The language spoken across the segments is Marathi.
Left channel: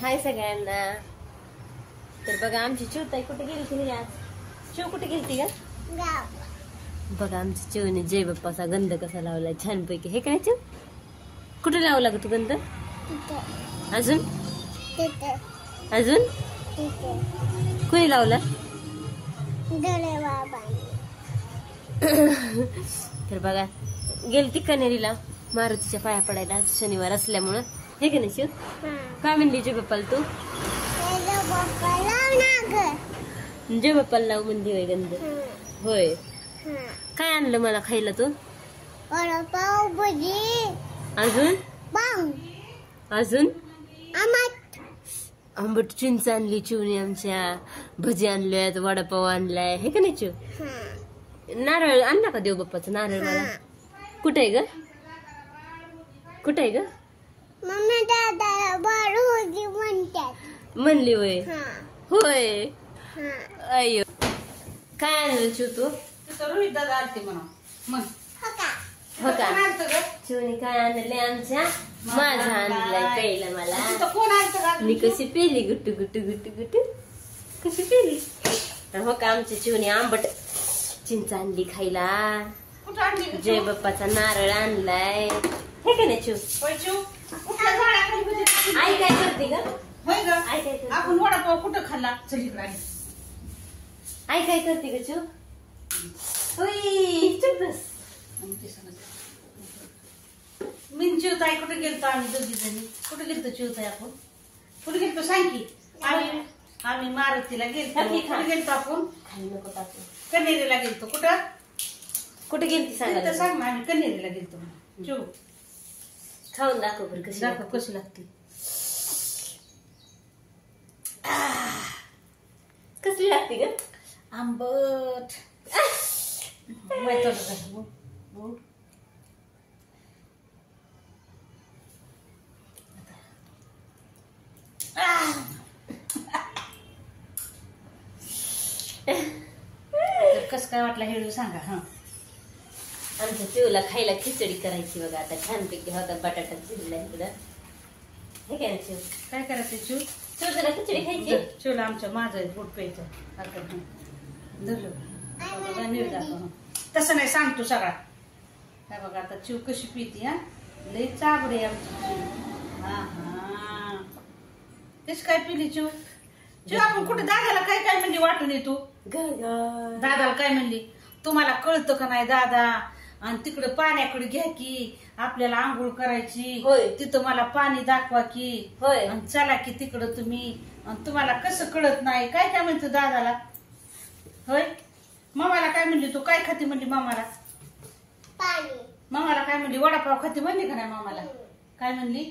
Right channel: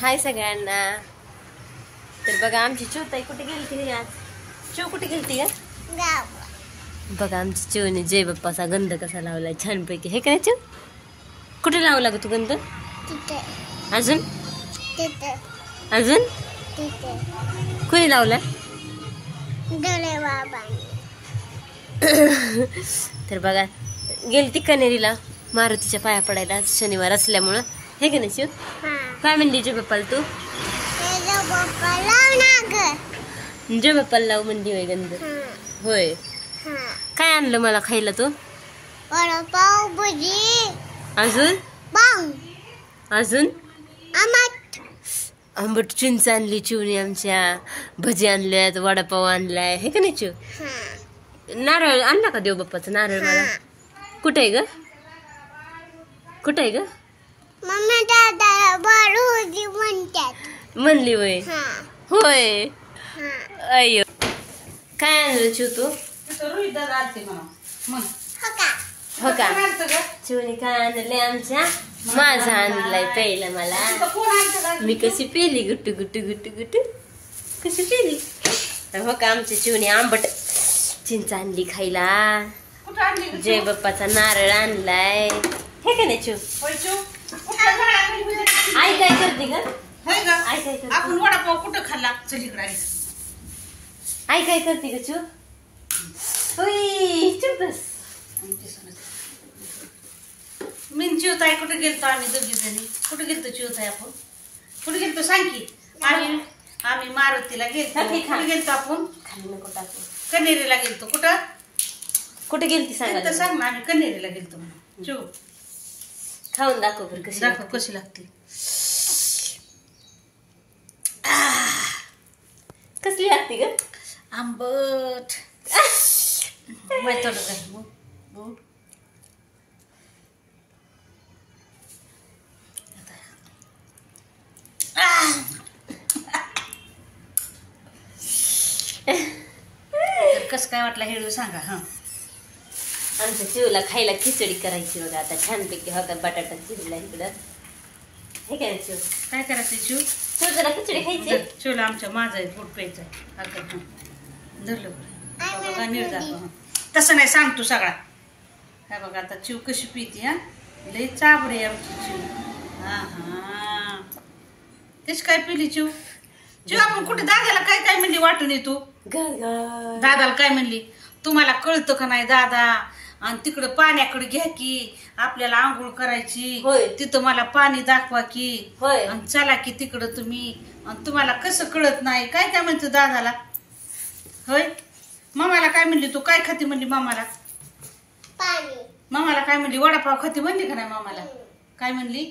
हाय सगळ्यांना। तर बघा आमची चिवताई कुठे गेली आज? चिव कुठे गेली का? बघा आमची चिवने जय बाप्पाचा गंध कसा लावलाय छानपैकी, हे काय चिव? कुठे लावला ग तू गंध? अजून अजून कोणी लावला? तर बघा गेली ती कनेरीला मारुतीच्या पाया पडायला शनिवार असल्यामुळं, हे का नाही शिव? काय म्हणली जय बाप्पाला तू? जय बाप्पाला लाव म्हणली होय गंध? होय। काय आणलं मला खायला तू? वडापाव, भजी, अजून अजून आंबट चिंच आणली चिवणी आमच्या, भजी आणल्यात, वडापाव आणलाय, हे का नाही चिव? नारळ आणला का देव बाप्पाचा नारळ? मला कुठे आहे ग? कुठे आहे ग? मम्मी दादाला बाळूजी म्हणतात म्हणली होय? होय। अय्यो काय आणलं चिव तू? हो का चिवणी काय आणलंय आमच्या? माझा आणलाय प्यायला मला। मी कशी पेली गुट्टू गुट्टू गुट्टू गुट्टू कशी पेली? हो का आमच्या चिवणी आंबट चिंच आणली खायला, जय बाप्पाचा नारळ आणलाय, हे का नाही चिव? आई काय करते ग? आपण वडापाव कुठं खाल्ला? चल इकडे आली। आई काय करते ग चिव? मी चिवताई कुठे गेलतो? आम्ही दोघी जणी कुठे गेलतो? चिवताई आपण कुठे गेलतो सांग की? आम्ही मारुतीला गेलतो। कुठे गेलतो आपण? कनेरीला गेलतो। कुठं कुठे गेलती सांग? सांग ना। आम्ही कनेरीला गेलतो। चिव खाऊन दाखव बरं कशी दाखव कशी लागते। कसली लागते ग? आंबट कस काय वाटला हेळू सांगा। हा आमच्या चिवला खायला खिचडी करायची बघा आता छानपैकी होता बटाटा चिवला इकडं, हे काय चिव? काय करायचं चिव? जरा खिचडी खायची चिवला आमच्या माझा पोट प्यायचं धरलं बघा नीट दाखव। तसं नाही सांग तू सगळा। काय बघा आता चिव कशी पिती? हा लई चाबडी आमची चिव। हा तेच काय पिली चिव? चिव आपण कुठे दादाला काय काय म्हणली वाटून येतो? दादाला काय म्हणली? तुम्हाला कळतं का नाही दादा? आणि तिकडं पाण्याकडे घ्या की, आपल्याला आंघोळ करायची, तिथं मला पाणी दाखवा की, आणि चला की तिकडं तुम्ही, आणि तुम्हाला कसं कळत नाही? काय काय म्हणतो दादाला? होय मामाला काय म्हणली तू? काय खाती म्हणली मामाला? मामाला काय म्हणली? वडापाव खाती म्हणली का नाही मामाला? काय म्हणली?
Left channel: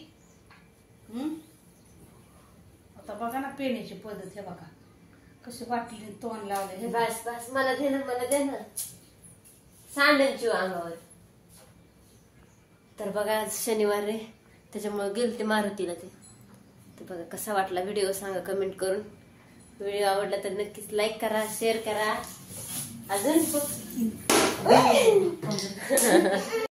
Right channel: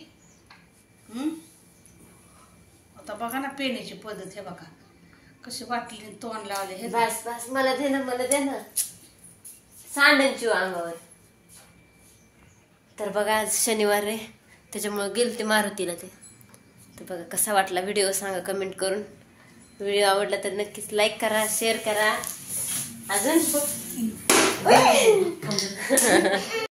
आता बघा ना पेण्याची पद्धत, हे बघा कशी वाटली तोंड लावले। हे बस बस मला दे ना, मला दे ना सांडांची अंगावर। तर बघा आज शनिवार रे, त्याच्यामुळे गेलते मारुतीला ते। तर बघा कसा वाटला व्हिडिओ सांगा कमेंट करून। व्हिडिओ आवडला तर नक्कीच लाईक करा, शेअर करा। अजून